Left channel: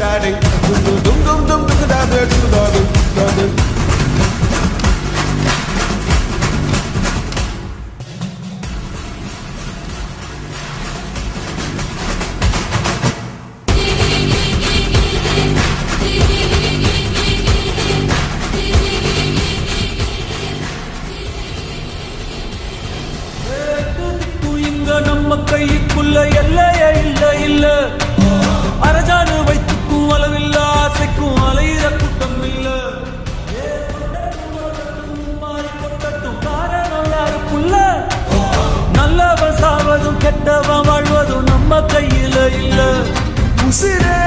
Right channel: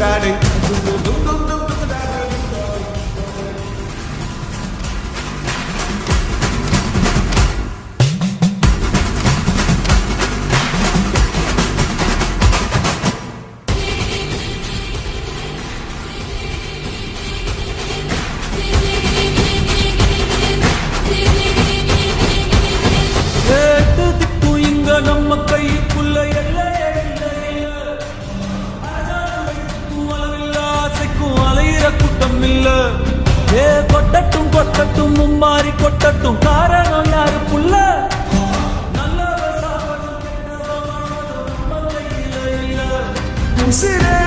daddy. Dum dum dum dum dum dum daddy, dum daddy, daddy. நம்ம கைக்குள்ள எல்லையே இல்ல இல்ல அரஜானு வைத்துக்கும் அளவில்ல ஆசைக்கும் அலையிற கூட்டம் இல்ல ஏ கொட்டட்டும் கொட்டட்டும் மும்மாறி கொட்டட்டும் காரணம் யாரு புள்ள நல்லவன் சாவதும் கெட்டவன் வாழ்வதும் நம்ம கையில இல்ல உசிரே